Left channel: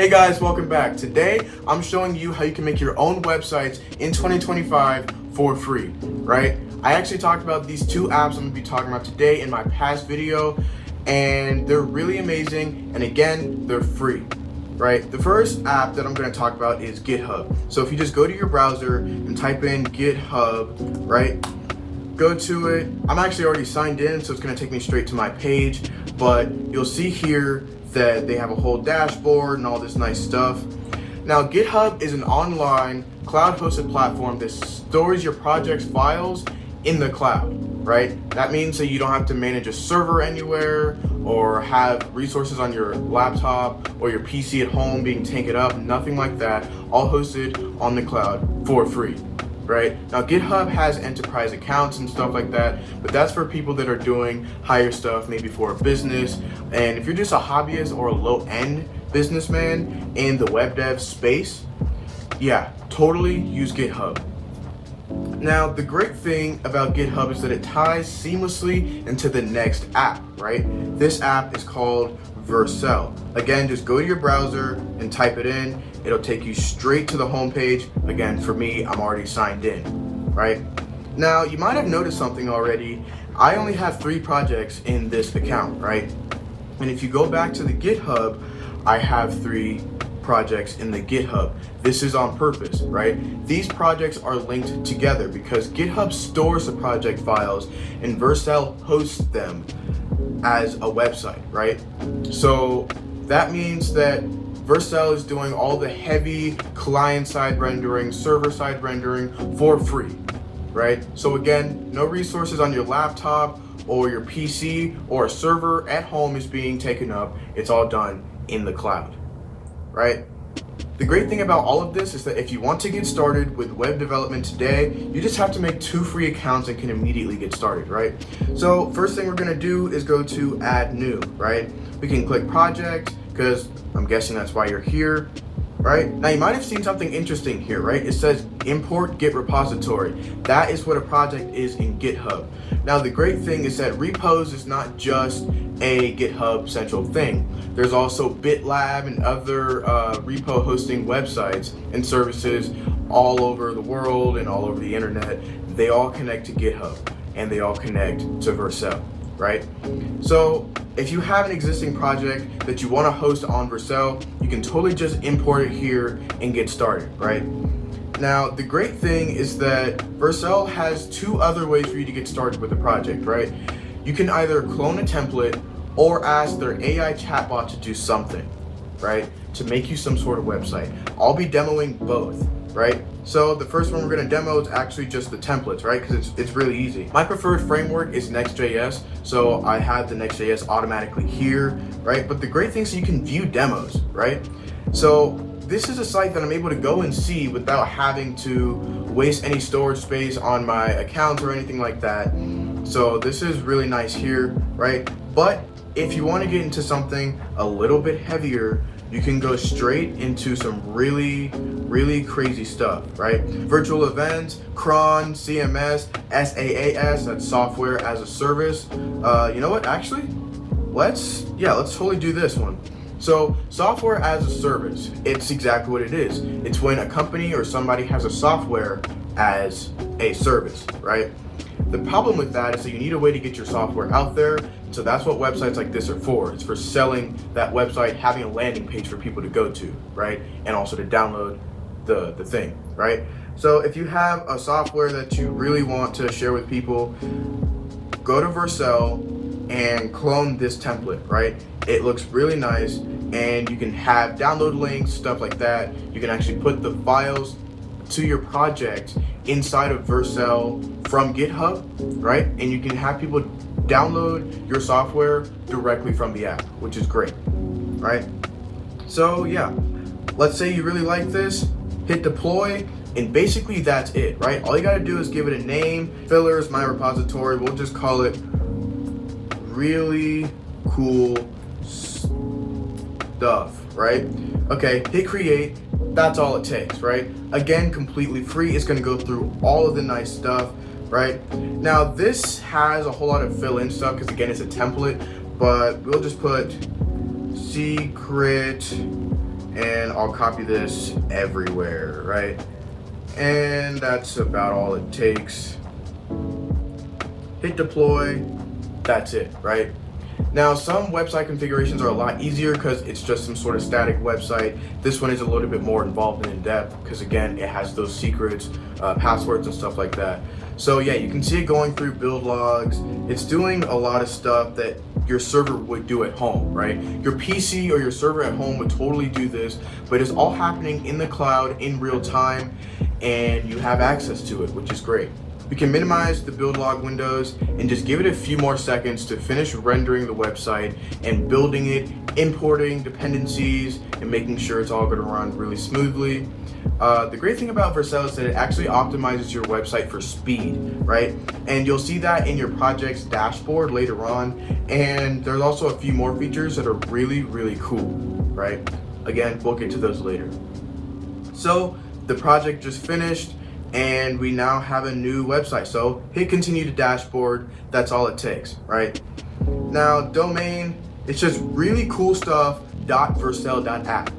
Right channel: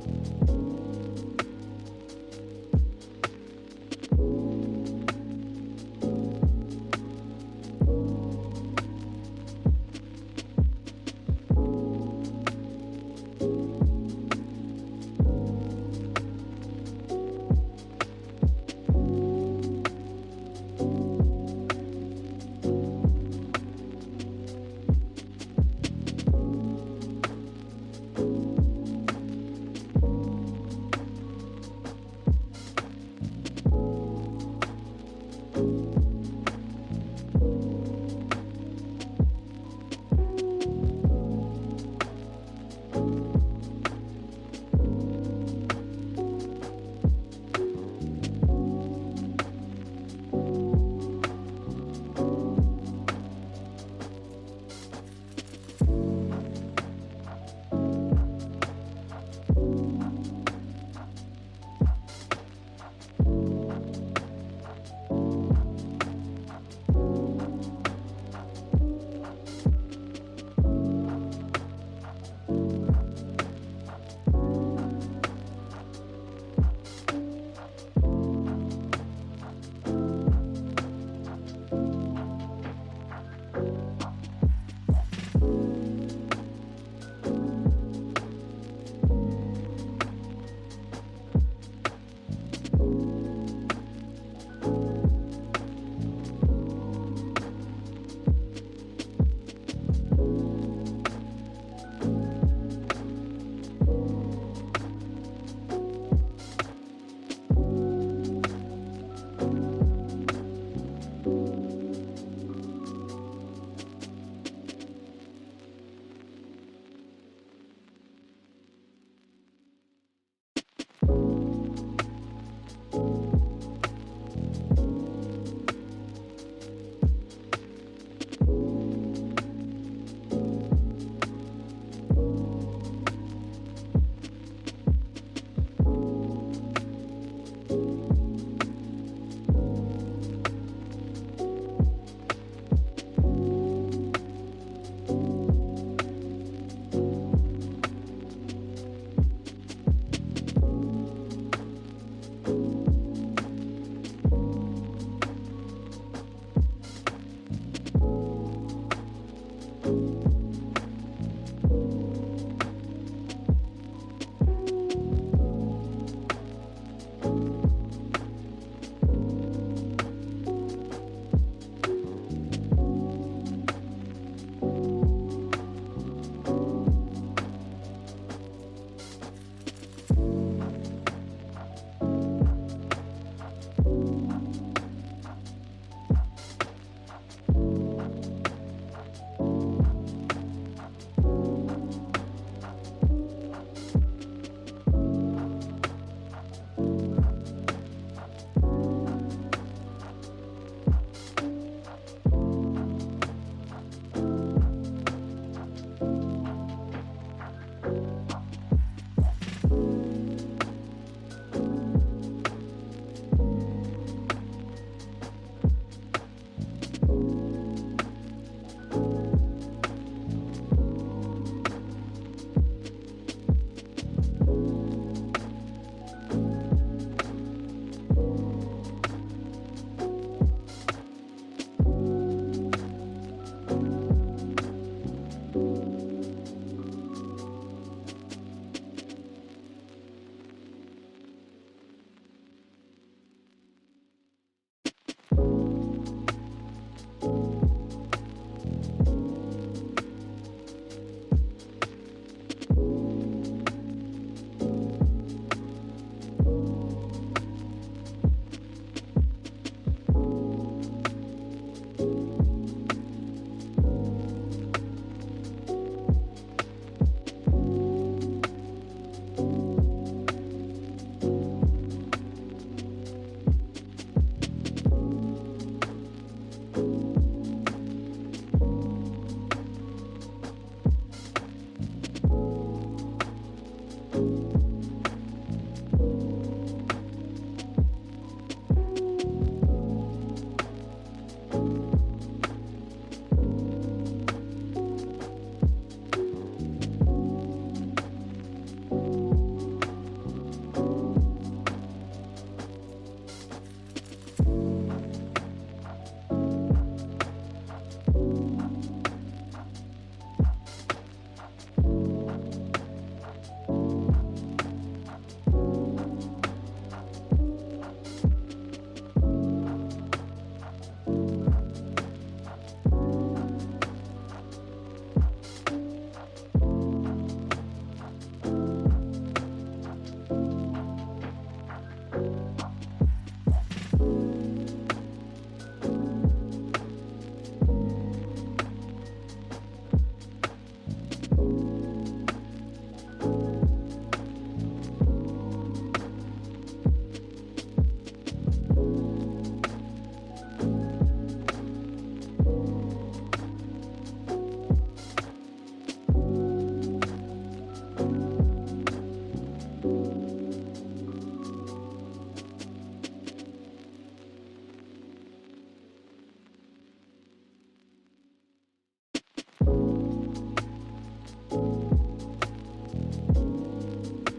Hey guys, welcome back. Today, I'm showing you how you can make your own websites in 2025 for free, right? I actually talked about these two apps I'm gonna be talking about today in my past video, and they're really amazing, and again, they're free, right? The first app that I'm gonna talk about is GitHub. So if you just go to your browser and type in GitHub, right? Go to it. I'm actually already signed in, so it's gonna take me straight to my page, but you'll see here that they have a whole dashboard and all this nice stuff. Now, GitHub is an online cloud-hosted platform that stores your project's files in the cloud, right? That means that you don't have to manage a server anywhere or have resources on your laptop or your PC at home being taken up, nothing like that, all hosted on the cloud for free. Right? Now, GitHub has enterprise accounts and stuff like that, but that's for people that are doing higher stuff, maybe for a business. And if you're just a hobbyist or a low-end businessman in the web dev space, yeah, totally use GitHub. Now, the great thing about GitHub is that it ties seamlessly into the next app, right? This app is called Vercel. Again, just go to your browser and type it in. It'll take you straight to the home page. Again, for me, I'm already signed in, right? Now, you might have noticed something already. I only have 3 projects in this account, right? And if you go back to the GitHub, I have 3 projects in the GitHub. This is on purpose, right? These projects are linked together because GitHub stores the project files and Vercel hosts them as a website, right? So that means that Vercel is doing all the heavy client-side rendering, server-side rendering for free, right? So again, no resources on your laptop or your PC or a server at home is being taken up. It's all done in the cloud, right? The great thing about all of this is that if you want to get started with web development today, you just have to make 2 free accounts and can immediately get started, right? So first thing we're gonna do is go to add new, right? We can click project, because I'm guessing that's why you're here, right? Now you might have seen something interesting here, right? It says import Git repository. That is what a project is in GitHub. Now the great thing is that repos is not just a GitHub central thing. There's also BitLab and other repo hosting websites and services all over the world and all over the internet. They all connect to GitHub and they all connect to Vercel, right? So if you have an existing project that you want to host on Vercel, you can totally just import it here and get started, right? Now, the great thing is that Vercel has 2 other ways for you to get started with a project, right? You can either clone a template or ask their AI chatbot to do something, right? To make you some sort of website. I'll be demoing both, right? So the first one we're gonna demo is actually just the templates, right? Because it's really easy. My preferred framework is Next.js, so I have the Next.js automatically here, right? But the great thing is you can view demos, right? So this is a site that I'm able to go and see without having to waste any storage space on my accounts or anything like that. So this is really nice here, right? But if you want to get into something a little bit heavier, you can go straight into some really crazy stuff, right? Virtual events, cron, CMS, SaaS, that's software as a service. You know what, actually, let's totally do this one. So software as a service, it's exactly what it is. It's when a company or somebody has a software as a service, right? The problem with that is that you need a way to get your software out there. So that's what websites like this are for. It's for selling that website, having a landing page for people to go to, right? And also to download the thing, right? So if you have a software that you really want to share with people, go to Vercel and clone this template, right? It looks really nice, and you can have download links, stuff like that. You can actually put the files to your project inside of Vercel from GitHub, right? And you can have people download your software directly from the app, which is great, right? So yeah, let's say you really like this, hit deploy, and basically that's it, right? All you gotta do is give it a name. Fillers, my repository, we'll just call it really cool stuff, right? Okay, hit create. That's all it takes, right? Again, completely free. It's gonna go through all of the nice stuff, right? Now this has a whole lot of fill-in stuff because again, it's a template, but we'll just put secret and I'll copy this everywhere, right? And that's about all it takes. Hit deploy, that's it, right? Now, some website configurations are a lot easier because it's just some sort of static website. This one is a little bit more involved and in depth because, again, it has those secrets, passwords and stuff like that. So yeah, you can see it going through build logs. It's doing a lot of stuff that your server would do at home, right? Your PC or your server at home would totally do this, but it's all happening in the cloud in real time, and you have access to it, which is great. You can minimize the build log windows and just give it a few more seconds to finish rendering the website and building it, importing dependencies, and making sure it's all going to run really smoothly. The great thing about Vercel is that it actually optimizes your website for speed, right? And you'll see that in your project's dashboard later on. And there's also a few more features that are really, really cool, right? Again, we'll get to those later. So the project just finished, and we now have a new website. So hit continue to dashboard. That's all it takes, right? Now, domain, it's just really cool stuff, .vercel.app.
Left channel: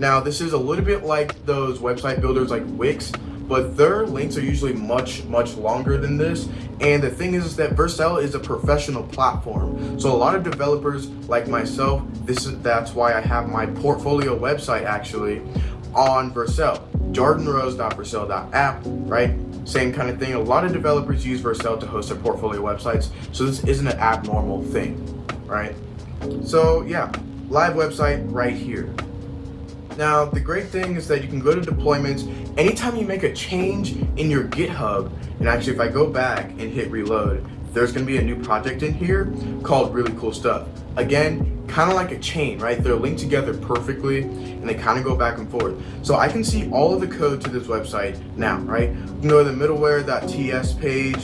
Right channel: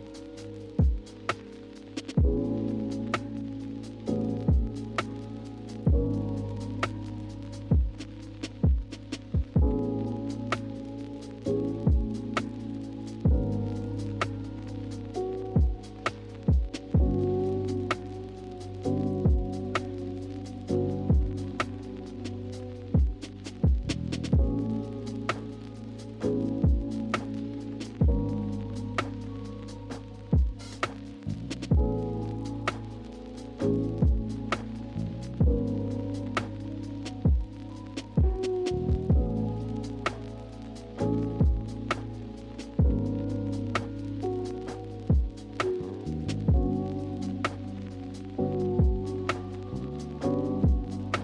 Now, this is a little bit like those website builders like Wix, but their links are usually much, much longer than this. And the thing is that Vercel is a professional platform. So a lot of developers like myself, that's why I have my portfolio website actually on Vercel, jordanrose.vercel.app, right? Same kind of thing. A lot of developers use Vercel to host their portfolio websites. So this isn't an abnormal thing, right? So yeah, live website right here. Now, the great thing is that you can go to deployments anytime you make a change in your GitHub. And actually, if I go back and hit reload, there's going to be a new project in here called Really Cool Stuff. Again, kind of like a chain, right? They're linked together perfectly and they kind of go back and forth. So I can see all of the code to this website now, right? You can go to the middleware.ts page,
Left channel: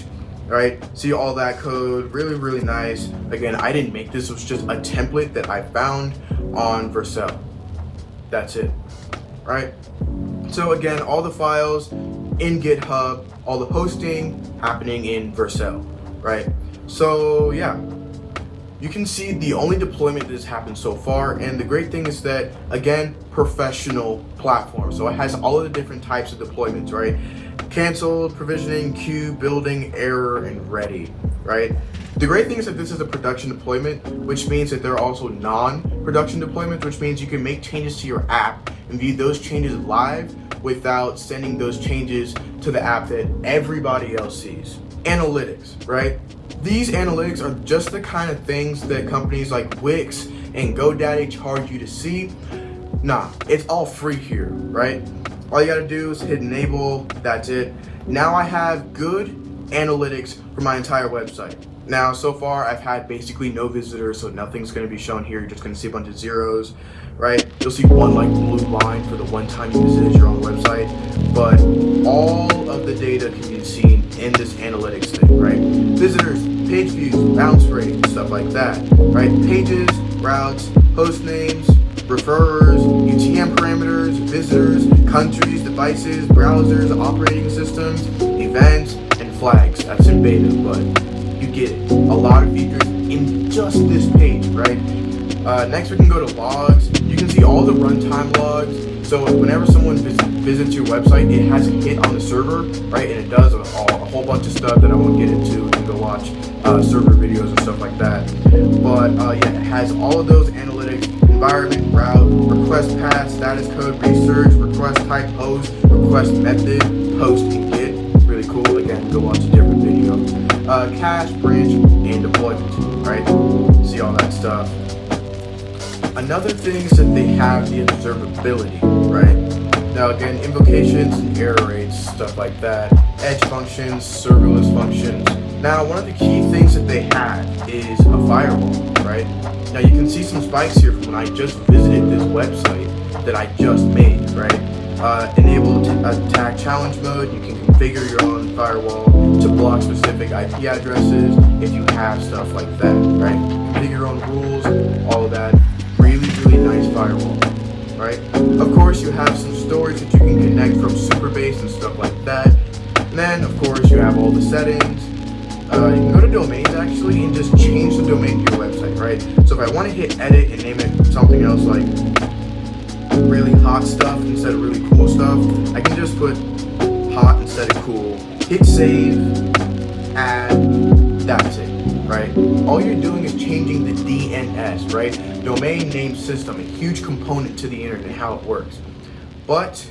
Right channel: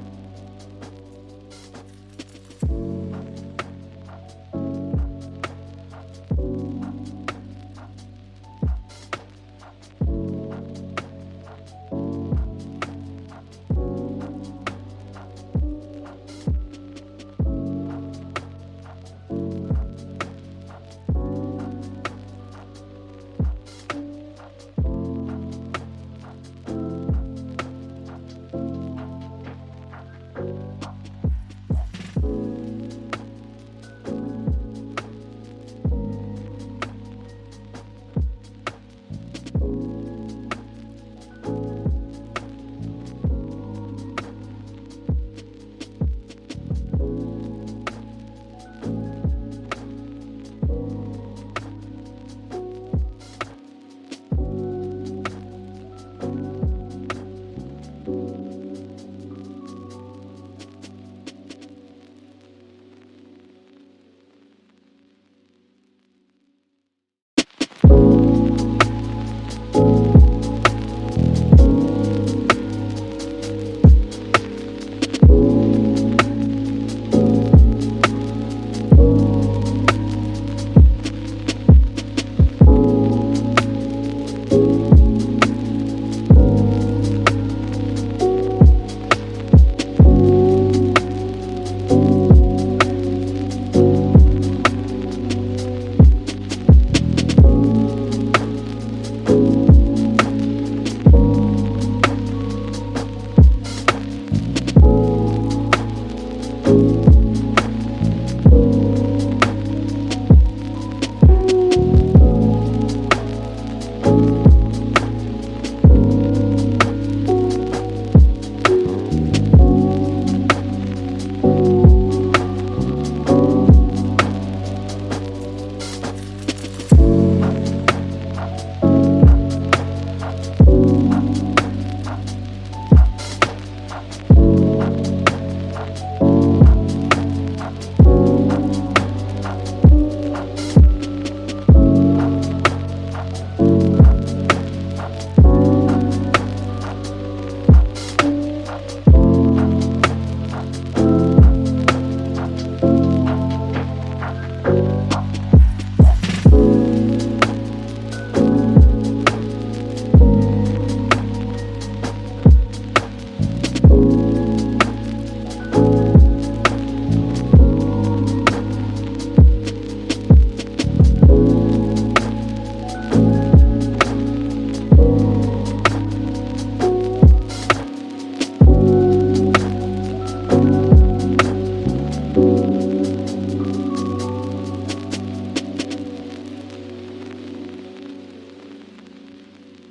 right? See all that code, really, really nice. Again, I didn't make this, it was just a template that I found on Vercel. That's it, right? So again, all the files in GitHub, all the hosting happening in Vercel, right? So yeah, you can see the only deployment that has happened so far, and the great thing is that, again, professional platform. So it has all of the different types of deployments, right? Canceled, provisioning, queue, building, error, and ready, right? The great thing is that this is a production deployment, which means that there are also non-production deployments, which means you can make changes to your app and view those changes live without sending those changes to the app that everybody else sees. Analytics, right? These analytics are just the kind of things that companies like Wix and GoDaddy charge you to see. Nah, it's all free here, right? All you gotta do is hit enable, that's it. Now I have good analytics for my entire website. Now, so far, I've had basically no visitors, so nothing's gonna be shown here. You're just gonna see a bunch of zeros, right? You'll see one like blue line for the one time you visited your own website, but all of the data can be seen in this analytics thing, right? Visitors, page views, bounce rate, stuff like that, right? Pages, routes, host names, referrers, UTM parameters, visitors, countries, devices, browsers, operating systems, events, and flags. That's in beta, but you get it. A lot of features in just this page, right? Next, we can go to logs. You can see all the runtime logs. So whenever someone visits your website, it has a hit on the server, right? And it does a whole bunch of stuff that I won't get into. You can go watch server videos and stuff like that. But yeah, it has all of those analytics: environment, route, request path, status code, research, request type, host, request method, post, and get. Really cool. Again, go watch a different video. Cache, branch, and deployment, right? See all that stuff. Another thing is that they have the observability, right? Now again, invocations, error rates, stuff like that, edge functions, serverless functions. Now one of the key things that they have is a firewall, right? Now you can see some spikes here from when I just visited this website that I just made, right? Enable attack challenge mode. You can configure your own firewall to block specific IP addresses if you have stuff like that, right? Configure your own rules, all of that. Really nice firewall, right? Of course, you have some storage that you can connect from Supabase and stuff like that. And then, of course, you have all the settings. You can go to domains actually and just change the domain to your website, right? So if I want to hit edit and name it something else like really hot stuff instead of really cool stuff, I can just put hot instead of cool, hit save, add, that's it, right? All you're doing is changing the DNS, right? Domain name system, a huge component to the internet and how it works. But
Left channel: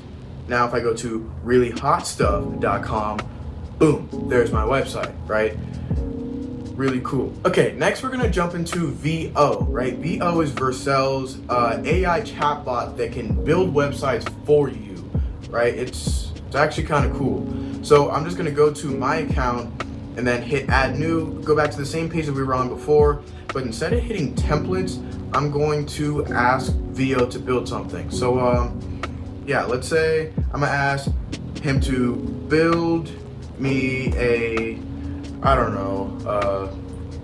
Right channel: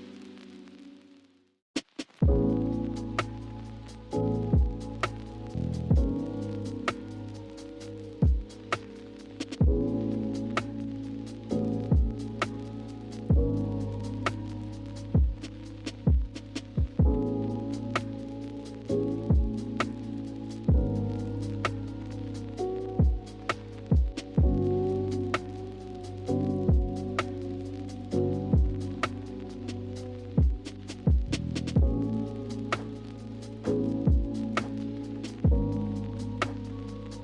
now if I go to reallyhotstuff.com, boom, there's my website, right? Really cool. Okay, next we're gonna jump into VO, right? VO is Vercel's AI chatbot that can build websites for you, right? It's actually kind of cool. So I'm just gonna go to my account and then hit add new, go back to the same page that we were on before, but instead of hitting templates, I'm going to ask VO to build something. So yeah, let's say I'm gonna ask him to build me a, I don't know,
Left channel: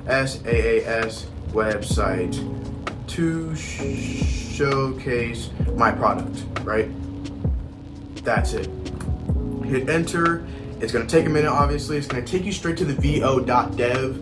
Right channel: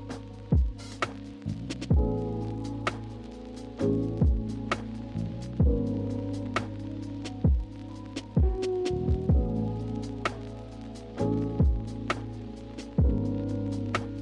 SaaS website to showcase my product, right? That's it. Hit enter. It's going to take a minute, obviously. It's going to take you straight to the vo.dev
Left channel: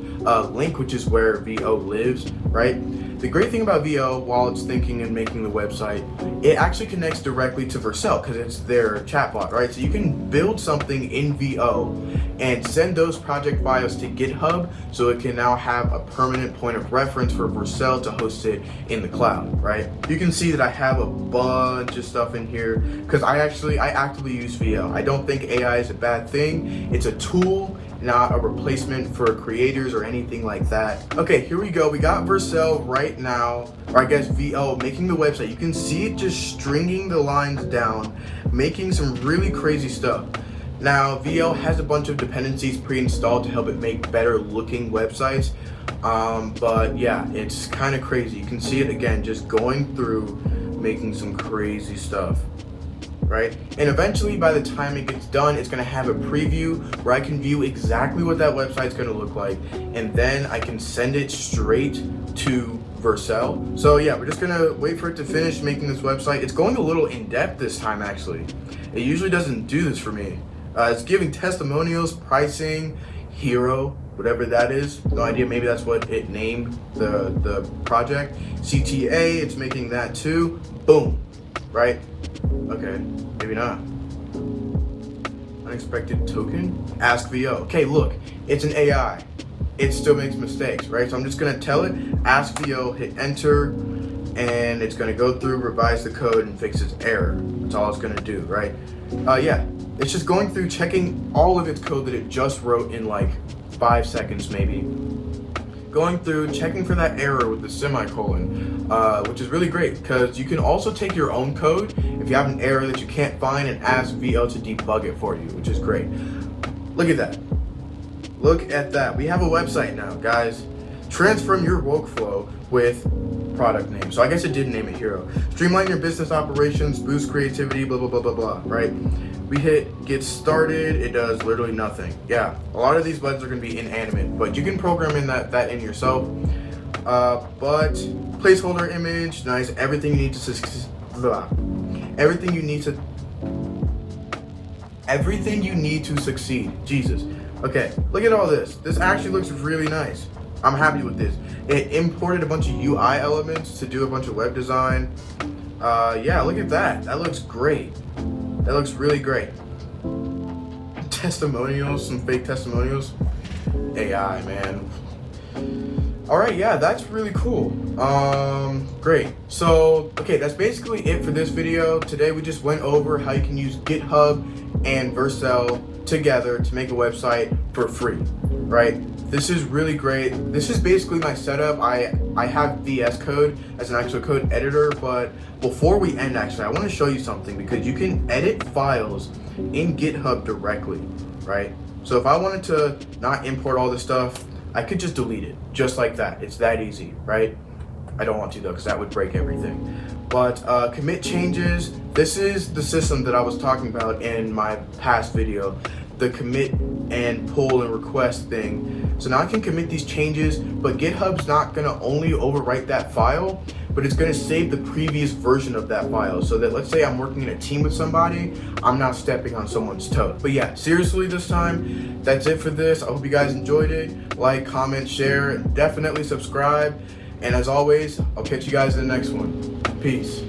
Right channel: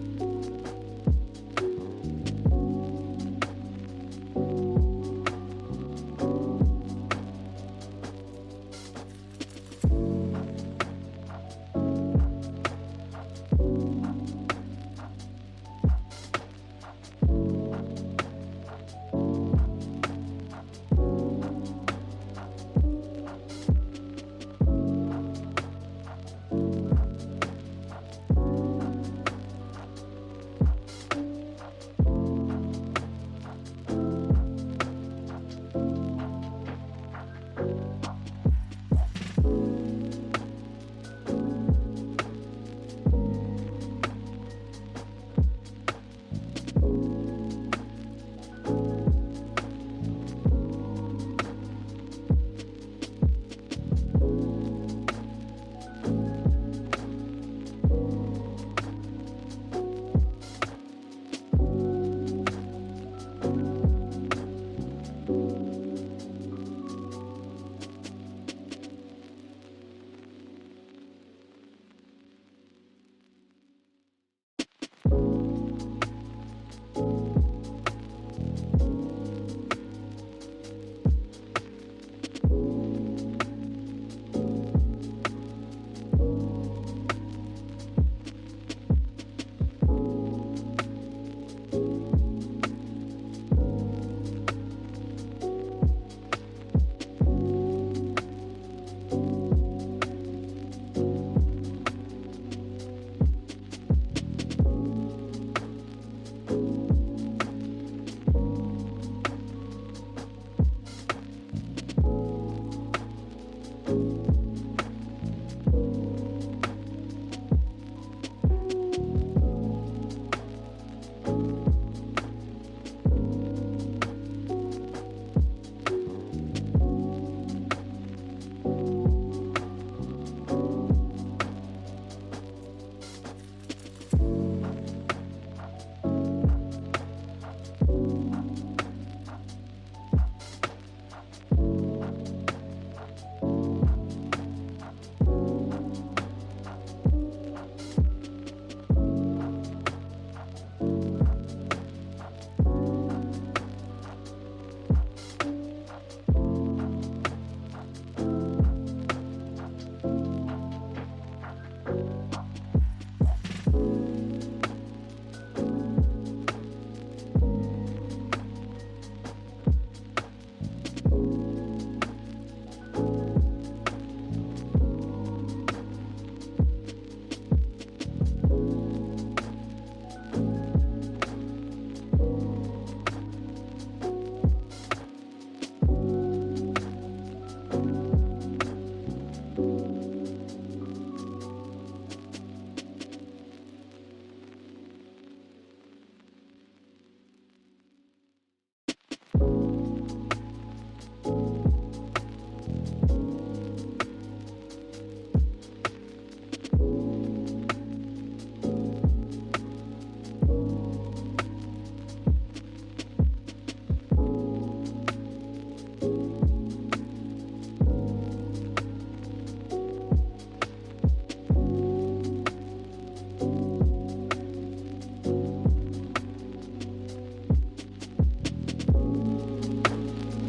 link, which is where VO lives, right? The great thing about VO, while it's thinking and making the website, it actually connects directly to Vercel because it's their chatbot, right? So you can build something in VO and send those project files to GitHub so it can now have a permanent point of reference for Vercel to host it in the cloud, right? You can see that I have a bunch of stuff in here because I actively use VO. I don't think AI is a bad thing. It's a tool, not a replacement for creators or anything like that. Okay, here we go. We got Vercel right now, or I guess VO, making the website. You can see it just stringing the lines down, making some really crazy stuff. Now, VO has a bunch of dependencies pre-installed to help it make better looking websites. But yeah, it's kind of crazy. You can see it again, just going through, making some crazy stuff. Right? And eventually by the time it gets done, it's going to have a preview where I can view exactly what that website's going to look like, and then I can send it straight to Vercel. So yeah, we're just going to wait for it to finish making this website. It's going a little in depth this time actually. It usually doesn't do this for me. It's giving testimonials, pricing, hero, whatever that is. No idea, maybe that's what it named the project. CTA, it's making that too. Boom. Right? Okay, maybe not. Unexpected token? Ask VO. Okay, look, it's an AI. It still makes mistakes, right? So I'm just gonna tell it, ask VO, hit enter, and it's gonna go through, revise the code, and fix its error. That's all it's gonna do, right? Yeah, it's just going through, checking all of its code that it just wrote in like 5 seconds maybe. Going through, checking for that error with the semicolon, which is really great because you can also take your own code if you have an error that you can't find and ask VO to debug it for you, which is great. Look at that. Look at that. We have a website now, guys. Transform your workflow with product name. So I guess it did name it Hero. Streamline your business operations, boost creativity, blah, blah, blah, blah, blah, right? We hit get started, it does literally nothing. Yeah, a lot of these buttons are gonna be inanimate, but you can program in that in yourself. But placeholder image, nice. Everything you need to succeed. Jesus. Okay, look at all this. This actually looks really nice. I'm happy with this. It imported a bunch of UI elements to do a bunch of web design. Yeah, look at that. That looks great. That looks really great. Testimonials, some fake testimonials. AI, man. All right, yeah, that's really cool. Great. So, okay, that's basically it for this video. Today we just went over how you can use GitHub and Vercel together to make a website for free, right? This is really great. This is basically my setup. I have VS Code as an actual code editor, but before we end, actually, I want to show you something because you can edit files in GitHub directly, right? So if I wanted to not import all this stuff, I could just delete it, just like that. It's that easy, right? I don't want to though, because that would break everything. But commit changes. This is the system that I was talking about in my past video, the commit and pull and request thing. So now I can commit these changes, but GitHub's not gonna only overwrite that file, but it's gonna save the previous version of that file so that, let's say I'm working in a team with somebody, I'm not stepping on someone's toe. But yeah, seriously this time, that's it for this. I hope you guys enjoyed it. Like, comment, share, and definitely subscribe. And as always, I'll catch you guys in the next one. Peace.